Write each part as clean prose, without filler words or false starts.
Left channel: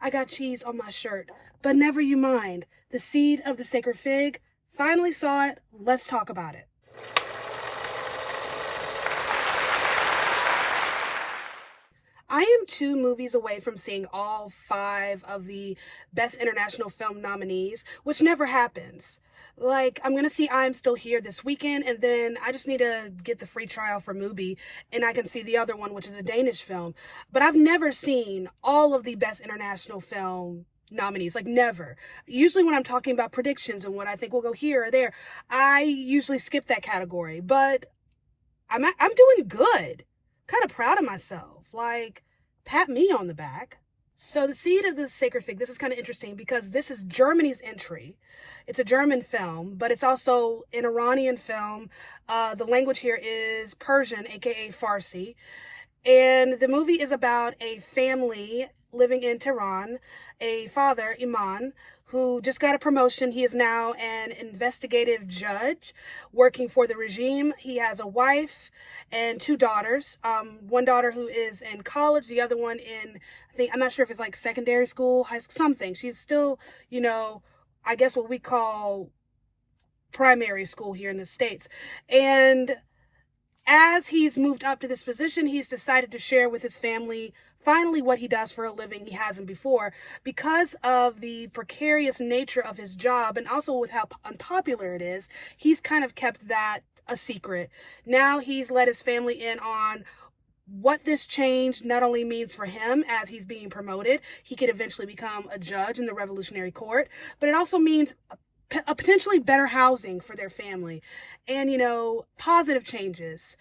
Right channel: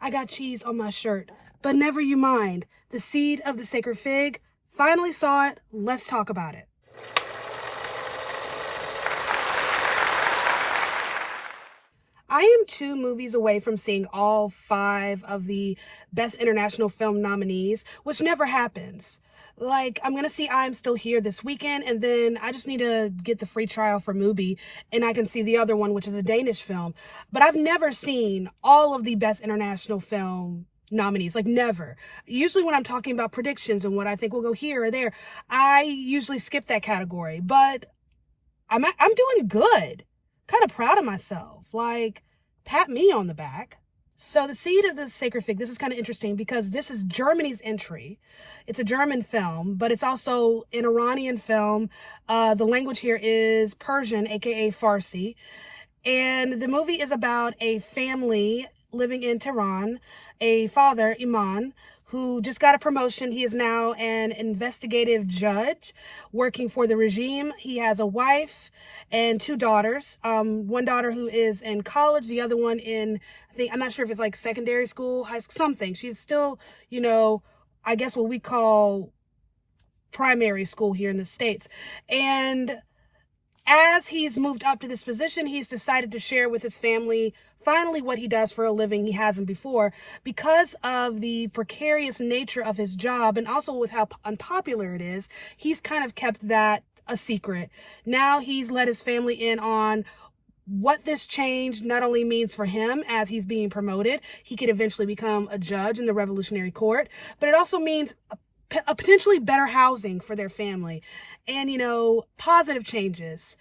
I got cheese on my shirt. But never you mind. The seed of the sacred fig. Finally saw it. Let's talk about it. I am 2 movies away from seeing all 5 of the Best International Film nominees, which never happens. Like, I'm gonna see I'm Still Here this weekend, and then I just need to get the free trial for Mubi, and I can see the other one, which is a Danish film. But I've never seen all of the Best International Film nominees, like never. Usually when I'm talking about predictions and what I think will go here or there, I usually skip that category. But I'm doing good. Kind of proud of myself. Like, pat me on the back. So the seed of the sacred fig, this is kind of interesting because this is Germany's entry. It's a German film, but it's also an Iranian film. The language here is Persian, aka Farsi. And the movie is about a family living in Tehran, a father, Iman, who just got a promotion. He is now an investigative judge working for the regime. He has a wife and 2 daughters. One daughter who is in college, the other one in, I'm not sure if it's like secondary school, high school, something. She's still, I guess what we call primary school here in the States. And as he's moved up to this position, he's decided to share with his family finally what he does for a living he hasn't before, because of the precarious nature of his job and also with how unpopular it is. He's kind of kept that a secret. Now he's let his family in on what this change not only means for him as he's being promoted. He could eventually become a judge in the Revolutionary Court, but it also means a potentially better housing for their family and, positive changes.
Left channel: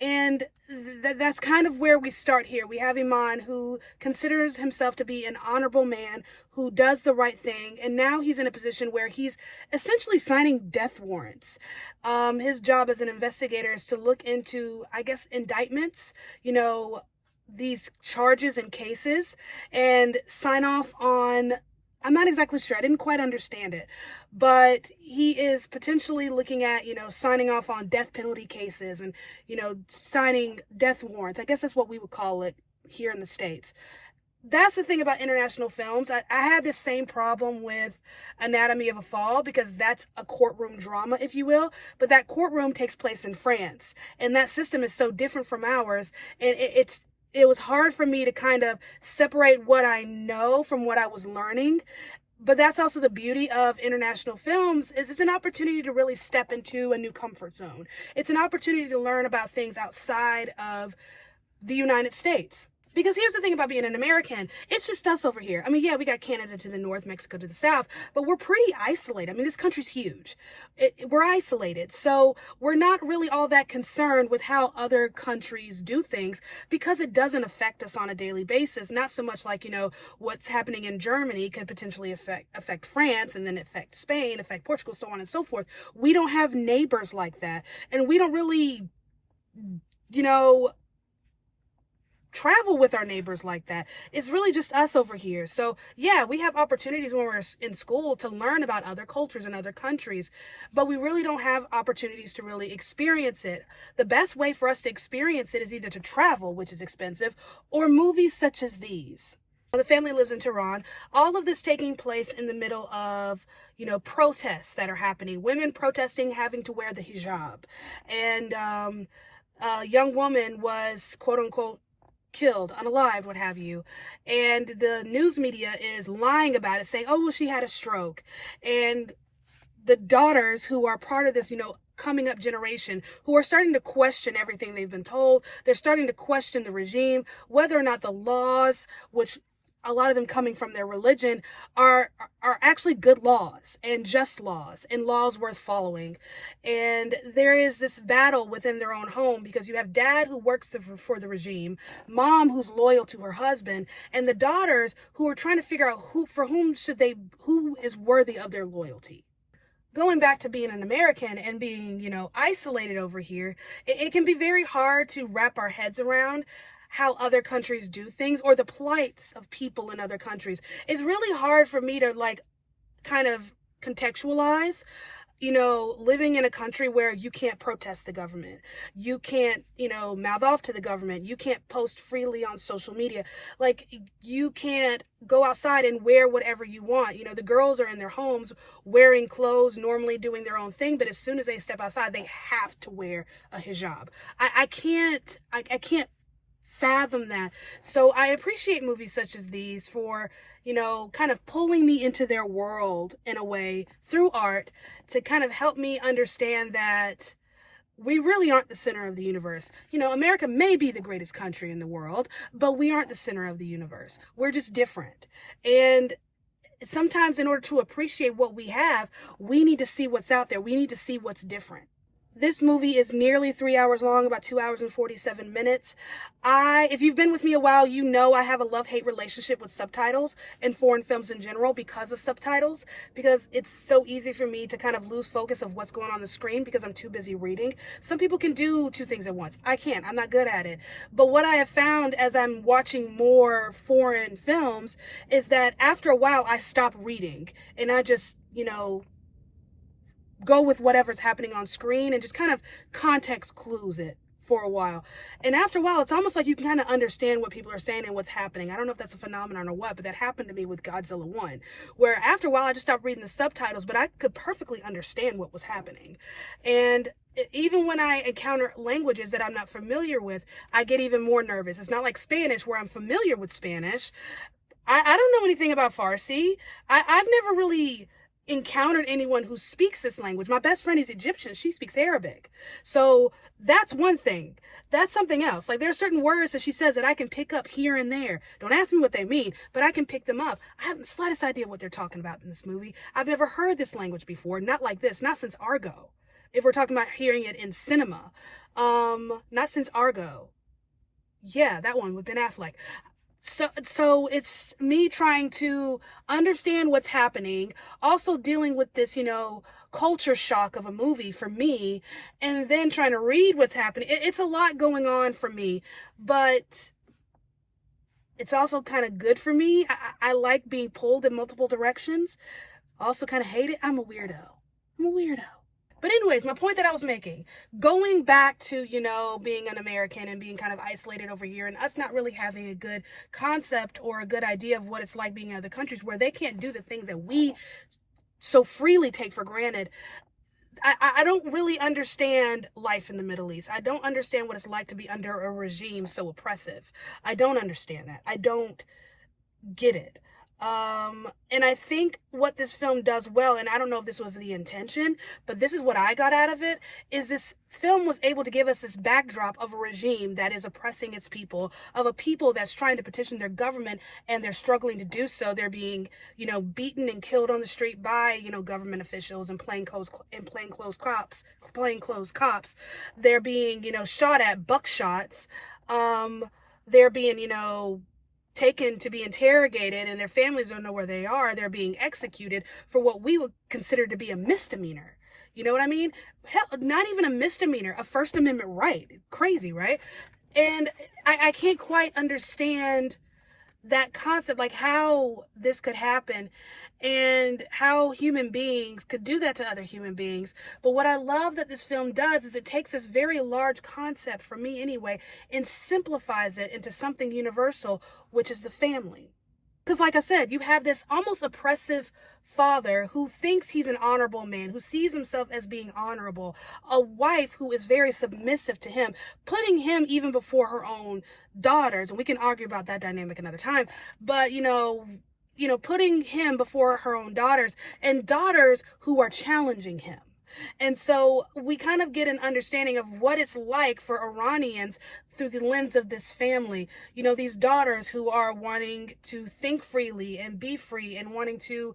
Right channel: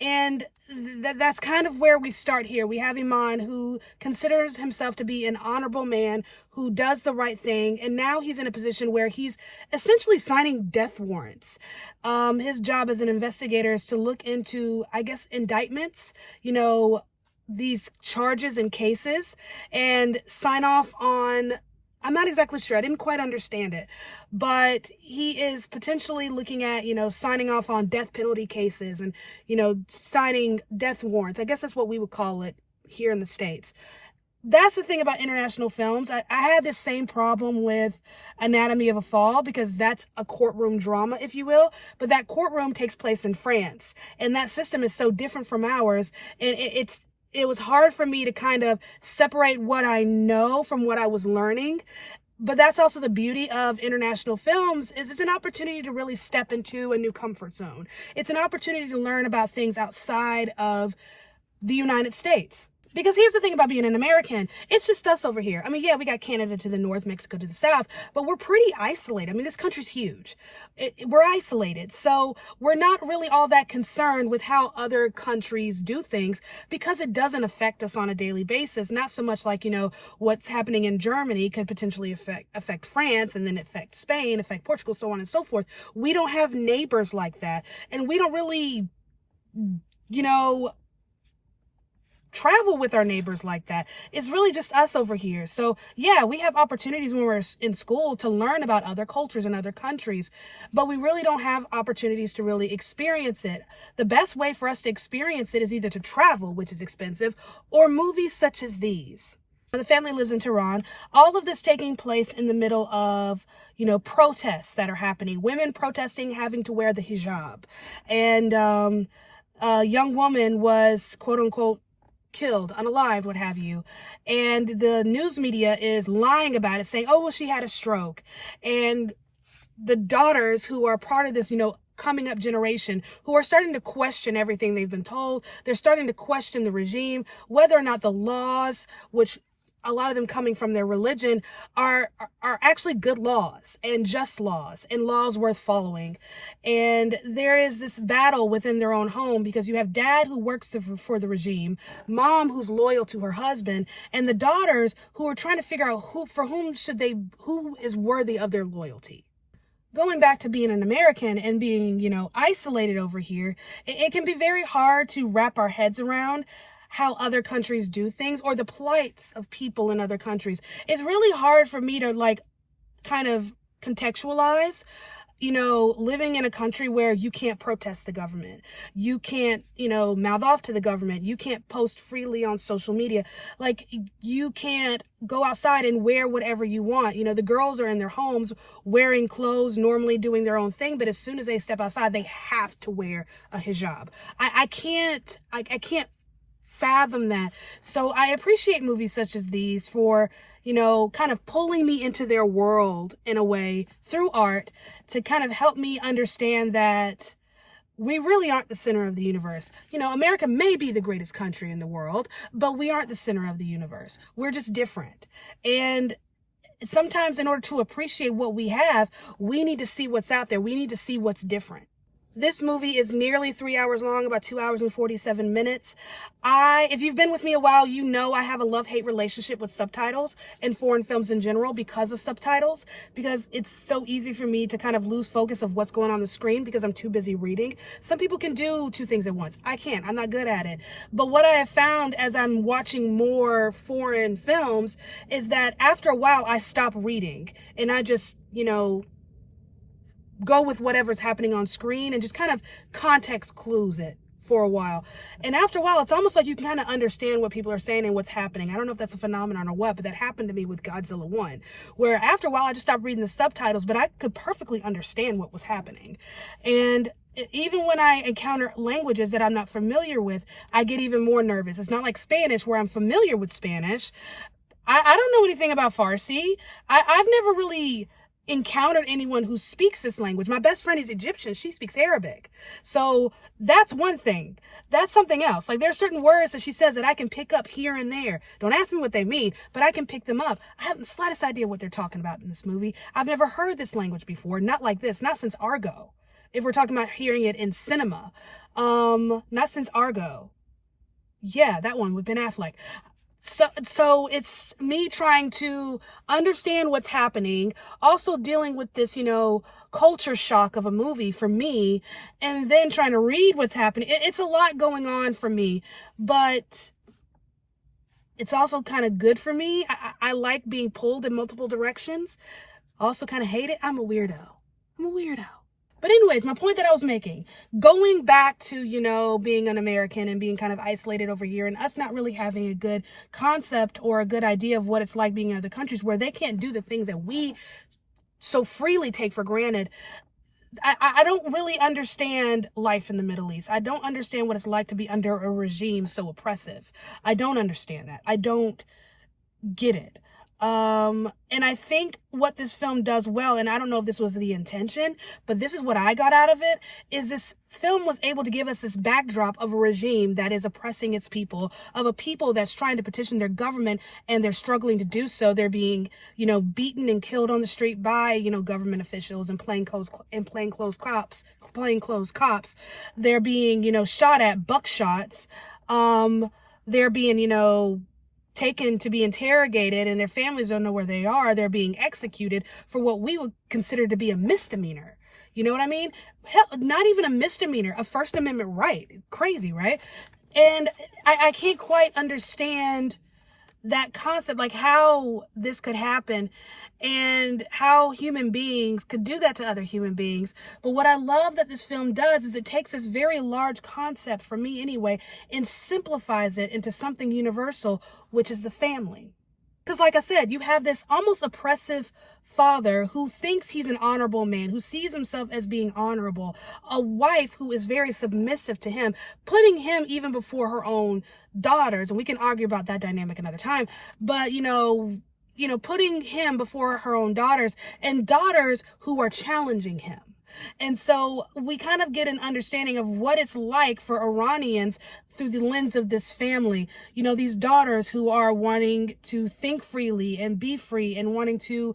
And that's kind of where we start here. We have Iman, who considers himself to be an honorable man who does the right thing. And now he's in a position where he's essentially signing death warrants. His job as an investigator is to look into, I guess, indictments, these charges and cases, and sign off on, I'm not exactly sure. I didn't quite understand it. But he is potentially looking at, signing off on death penalty cases and, signing death warrants. I guess that's what we would call it here in the States. That's the thing about international films. I had this same problem with Anatomy of a Fall because that's a courtroom drama, if you will. But that courtroom takes place in France. And that system is so different from ours. And it was hard for me to kind of separate what I know from what I was learning. But that's also the beauty of international films, is it's an opportunity to really step into a new comfort zone. It's an opportunity to learn about things outside of the United States. Because here's the thing about being an American, it's just us over here. Yeah, we got Canada to the north, Mexico to the south, but we're pretty isolated. This country's huge. We're isolated. So we're not really all that concerned with how other countries do things because it doesn't affect us on a daily basis. Not so much like, what's happening in Germany could potentially affect France, and then affect Spain, affect Portugal, so on and so forth. We don't have neighbors like that. And we don't really, travel with our neighbors like that. It's really just us over here. So yeah, we have opportunities when we're in school to learn about other cultures and other countries, but we really don't have opportunities to really experience it. The best way for us to experience it is either to travel, which is expensive, or movies such as these. The family lives in Tehran. All of this taking place in the middle of, protests that are happening. Women protesting having to wear the hijab. And a young woman was, quote unquote, killed, unalived, what have you. And the news media is lying about it, saying, oh, well, she had a stroke. And the daughters who are part of this, coming up generation, who are starting to question everything they've been told. They're starting to question the regime, whether or not the laws, which a lot of them coming from their religion, are actually good laws and just laws and laws worth following. And there is this battle within their own home because you have dad who works for the regime, mom who's loyal to her husband, and the daughters who are trying to figure out who is worthy of their loyalty. Going back to being an American and being, isolated over here, it can be very hard to wrap our heads around how other countries do things or the plights of people in other countries. It's really hard for me to kind of contextualize living in a country where you can't protest the government, you can't, mouth off to the government, you can't post freely on social media, like you can't go outside and wear whatever you want. The girls are in their homes wearing clothes, normally doing their own thing, but as soon as they step outside, they have to wear a hijab. I can't fathom that. So I appreciate movies such as these for, kind of pulling me into their world in a way through art to kind of help me understand that we really aren't the center of the universe. America may be the greatest country in the world, but we aren't the center of the universe. We're just different. And sometimes in order to appreciate what we have, we need to see what's out there. We need to see what's different. This movie is nearly 3 hours long, about 2 hours and 47 minutes. If you've been with me a while, I have a love-hate relationship with subtitles and foreign films in general because of subtitles, because it's so easy for me to kind of lose focus of what's going on the screen because I'm too busy reading. Some people can do two things at once. I can't. I'm not good at it. But what I have found as I'm watching more foreign films is that after a while, I stop reading and I just, go with whatever's happening on screen and just kind of context clues it for a while. And after a while, it's almost like you can kind of understand what people are saying and what's happening. I don't know if that's a phenomenon or what, but that happened to me with Godzilla 1, where after a while, I just stopped reading the subtitles, but I could perfectly understand what was happening. And even when I encounter languages that I'm not familiar with, I get even more nervous. It's not like Spanish, where I'm familiar with Spanish. I don't know anything about Farsi. I've never really encountered anyone who speaks this language. My best friend is Egyptian. She speaks Arabic. So that's one thing. That's something else. Like, there are certain words that she says that I can pick up here and there. Don't ask me what they mean, but I can pick them up. I haven't the slightest idea what they're talking about in this movie. I've never heard this language before. Not like this. Not since Argo. If we're talking about hearing it in cinema. Not since Argo. Yeah, that one with Ben Affleck. So it's me trying to understand what's happening, also dealing with this, culture shock of a movie for me, and then trying to read what's happening. It's a lot going on for me, but it's also kind of good for me. I like being pulled in multiple directions. I also kind of hate it. I'm a weirdo. But anyways, my point that I was making, going back to, being an American and being kind of isolated over here and us not really having a good concept or a good idea of what it's like being in other countries where they can't do the things that we so freely take for granted. I don't really understand life in the Middle East. I don't understand what it's like to be under a regime so oppressive. I don't understand that. I don't get it. And I think what this film does well, and I don't know if this was the intention, but this is what I got out of it, is this film was able to give us this backdrop of a regime that is oppressing its people, of a people that's trying to petition their government and they're struggling to do so. They're being, beaten and killed on the street by, government officials and plainclothes cops. They're being, shot at, buckshots. They're being, taken to be interrogated, and their families don't know where they are. They're being executed for what we would consider to be a misdemeanor. You know what I mean? Hell, not even a misdemeanor, a First Amendment right. Crazy, right? And I can't quite understand that concept, like how this could happen and how human beings could do that to other human beings. But what I love that this film does is it takes this very large concept, for me anyway, and simplifies it into something universal, which is the family. Because like I said, you have this almost oppressive father who thinks he's an honorable man, who sees himself as being honorable, a wife who is very submissive to him, putting him even before her own daughters. And we can argue about that dynamic another time. But, putting him before her own daughters, and daughters who are challenging him. And so we kind of get an understanding of what it's like for Iranians through the lens of this family. These daughters who are wanting to think freely and be free and wanting to,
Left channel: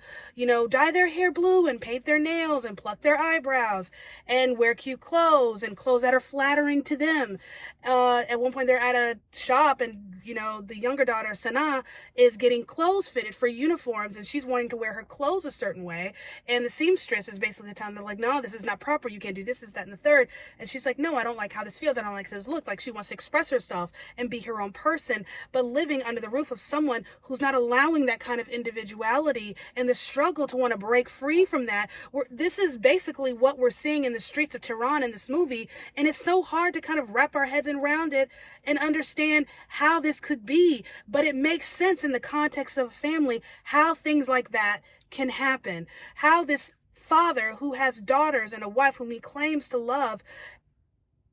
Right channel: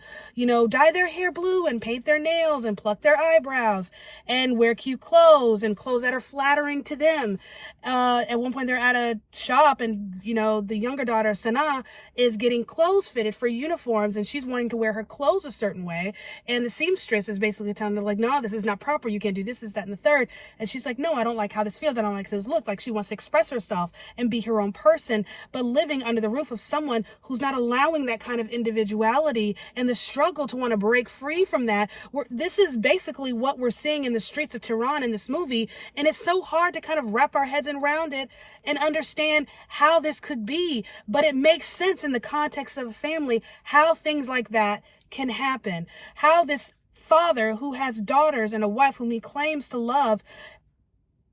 dye their hair blue and paint their nails and pluck their eyebrows and wear cute clothes and clothes that are flattering to them. At one point they're at a shop and, the younger daughter, Sana, is getting clothes fitted for uniforms and she's wanting to wear her clothes a certain way. And the seamstress is basically telling her, like, no, this is not proper, you can't do this, that, and the third. And she's like, no, I don't like how this feels, I don't like this look. Like, she wants to express herself and be her own person, but living under the roof of someone who's not allowing that kind of individuality, and the struggle to want to break free from that. This is basically what we're seeing in the streets of Tehran in this movie, and it's so hard to kind of wrap our heads around it and understand how this could be, but it makes sense in the context of a family, how things like that can happen, how this father who has daughters and a wife whom he claims to love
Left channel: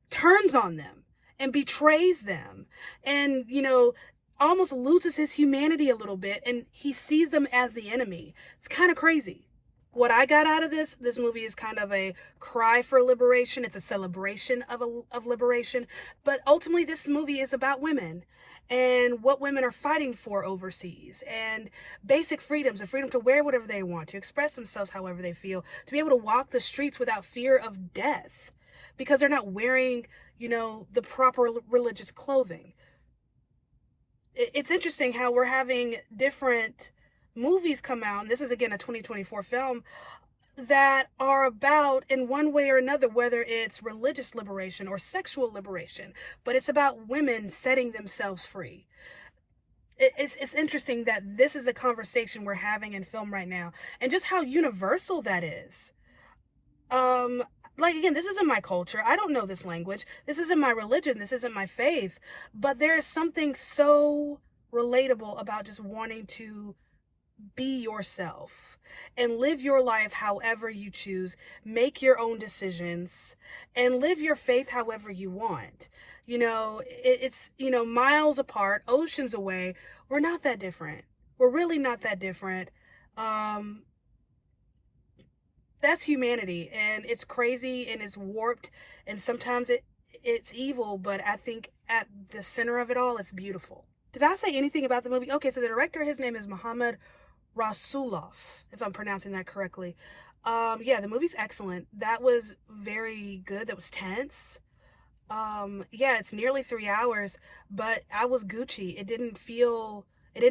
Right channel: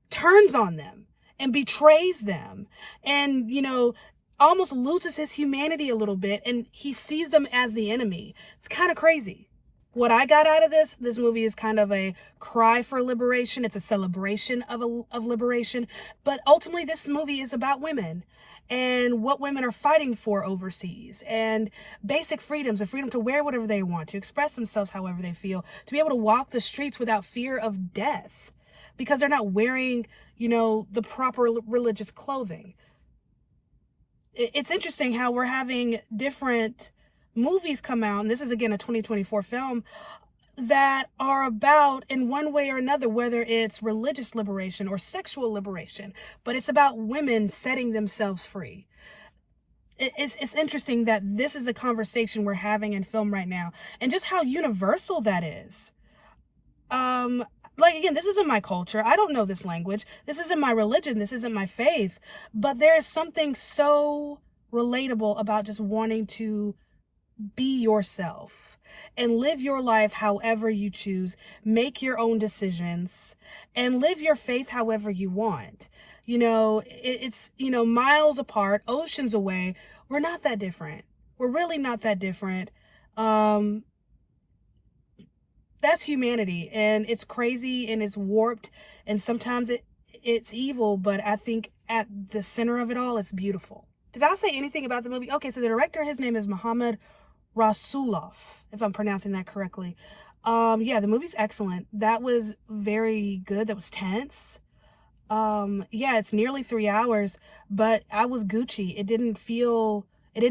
turns on them and betrays them, and, you know, almost loses his humanity a little bit, and he sees them as the enemy. It's kind of crazy. What I got out of this movie is kind of a cry for liberation. It's a celebration of liberation. But ultimately, this movie is about women and what women are fighting for overseas, and basic freedoms, the freedom to wear whatever they want, to express themselves however they feel, to be able to walk the streets without fear of death because they're not wearing, you know, the proper religious clothing. It's interesting how we're having different movies come out, and this is again a 2024 film, that are about, in one way or another, whether it's religious liberation or sexual liberation, but it's about women setting themselves free. It's interesting that this is the conversation we're having in film right now, and just how universal that is. Like, again, this isn't my culture. I don't know this language. This isn't my religion. This isn't my faith. But there is something so relatable about just wanting to be yourself and live your life however you choose, make your own decisions, and live your faith however you want. You know, it's, you know, miles apart, oceans away. We're not that different. We're really not that different. That's humanity, and it's crazy and it's warped, and sometimes it's evil, but I think at the center of it all, it's beautiful. Did I say anything about the movie? Okay, so the director, his name is Mohammed Rasulov, if I'm pronouncing that correctly. Yeah, the movie's excellent. That was very good. That was tense. Yeah, it's nearly 3 hours, but I was Gucci. It didn't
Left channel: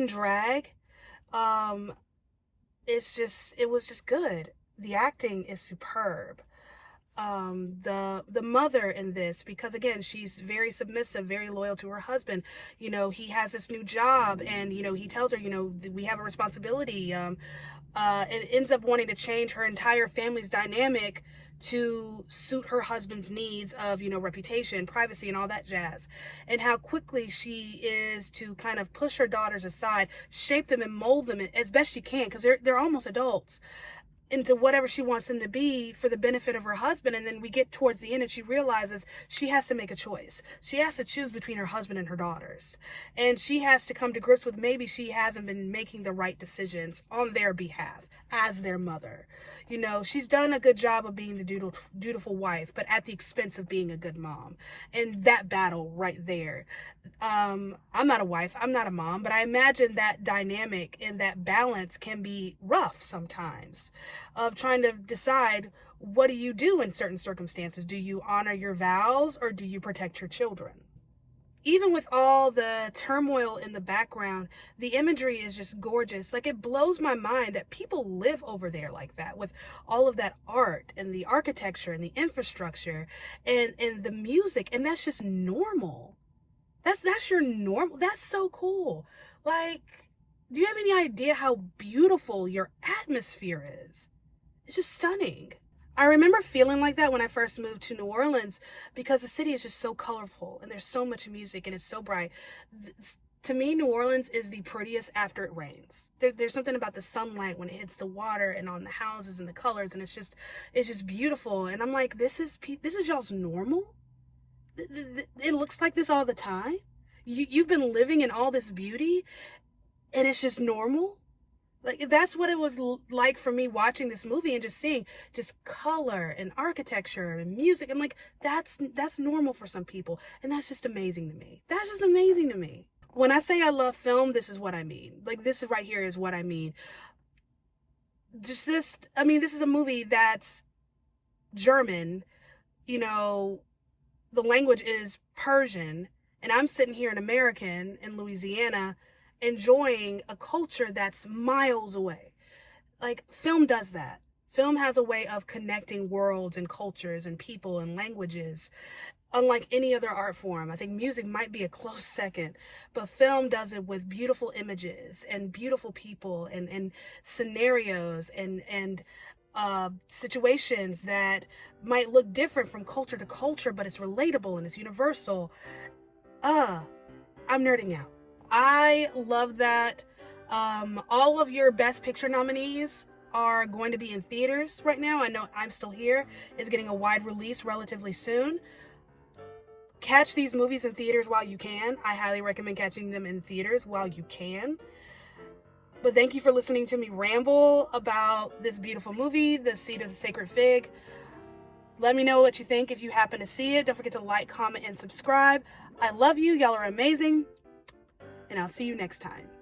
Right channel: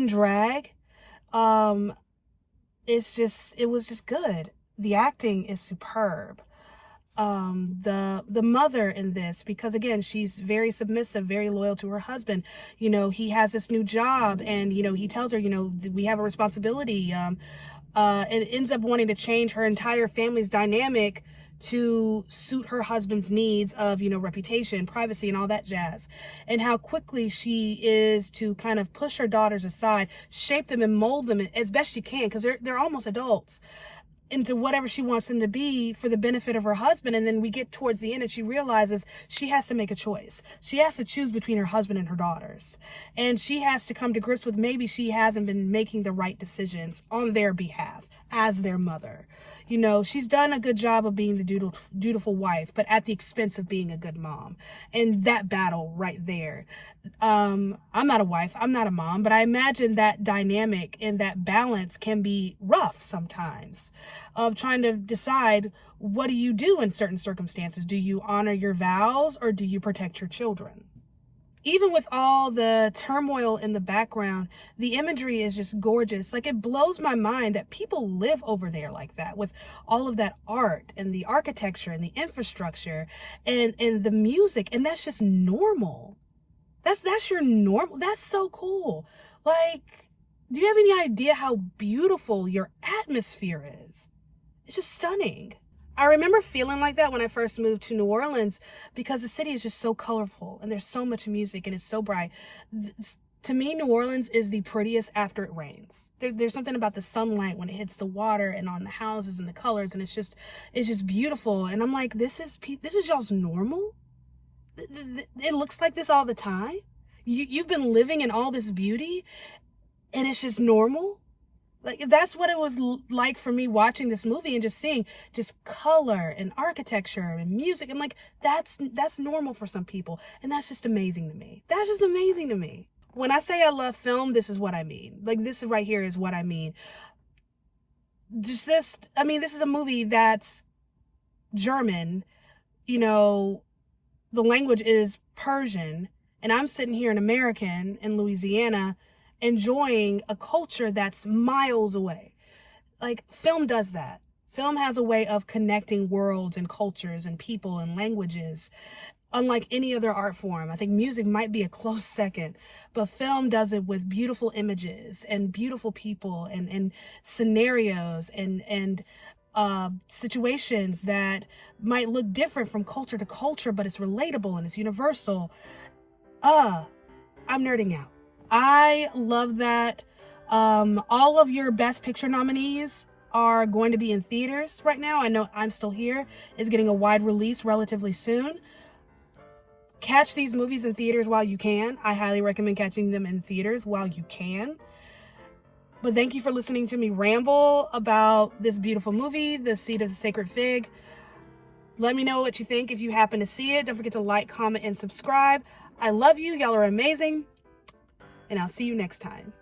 drag. It was just good. The acting is superb. The mother in this, because again, she's very submissive, very loyal to her husband. You know, he has this new job, and, you know, he tells her, you know, we have a responsibility, and ends up wanting to change her entire family's dynamic to suit her husband's needs of, you know, reputation, privacy, and all that jazz. And how quickly she is to kind of push her daughters aside, shape them and mold them as best she can, because they're almost adults, into whatever she wants them to be for the benefit of her husband. And then we get towards the end and she realizes she has to make a choice. She has to choose between her husband and her daughters. And she has to come to grips with maybe she hasn't been making the right decisions on their behalf as their mother. You know, she's done a good job of being the dutiful wife, but at the expense of being a good mom. And that battle right there. I'm not a wife, I'm not a mom, but I imagine that dynamic and that balance can be rough sometimes, of trying to decide, what do you do in certain circumstances? Do you honor your vows, or do you protect your children? Even with all the turmoil in the background, the imagery is just gorgeous. Like, it blows my mind that people live over there like that, with all of that art and the architecture and the infrastructure and the music, and that's just normal. That's your normal. That's so cool. Like, do you have any idea how beautiful your atmosphere is? It's just stunning. I remember feeling like that when I first moved to New Orleans, because the city is just so colorful and there's so much music and it's so bright. To me, New Orleans is the prettiest after it rains. There's something about the sunlight when it hits the water and on the houses and the colors, and it's just beautiful. And I'm like, this is y'all's normal? It looks like this all the time? You've been living in all this beauty and it's just normal? Like, that's what it was like for me watching this movie and just seeing just color and architecture and music. And like, that's normal for some people. And that's just amazing to me. That's just amazing to me. When I say I love film, this is what I mean. Like, this right here is what I mean. This is a movie that's German, you know, the language is Persian, and I'm sitting here, an American in Louisiana, enjoying a culture that's miles away. Like, film does that. Film has a way of connecting worlds and cultures and people and languages, unlike any other art form. I think music might be a close second, but film does it with beautiful images and beautiful people and scenarios and situations that might look different from culture to culture, but it's relatable and it's universal. I'm nerding out. I love that. All of your Best Picture nominees are going to be in theaters right now. I know I'm Still Here is getting a wide release relatively soon. Catch these movies in theaters while you can. I highly recommend catching them in theaters while you can. But thank you for listening to me ramble about this beautiful movie, The Seed of the Sacred Fig. Let me know what you think if you happen to see it. Don't forget to like, comment, and subscribe. I love you. Y'all are amazing. And I'll see you next time.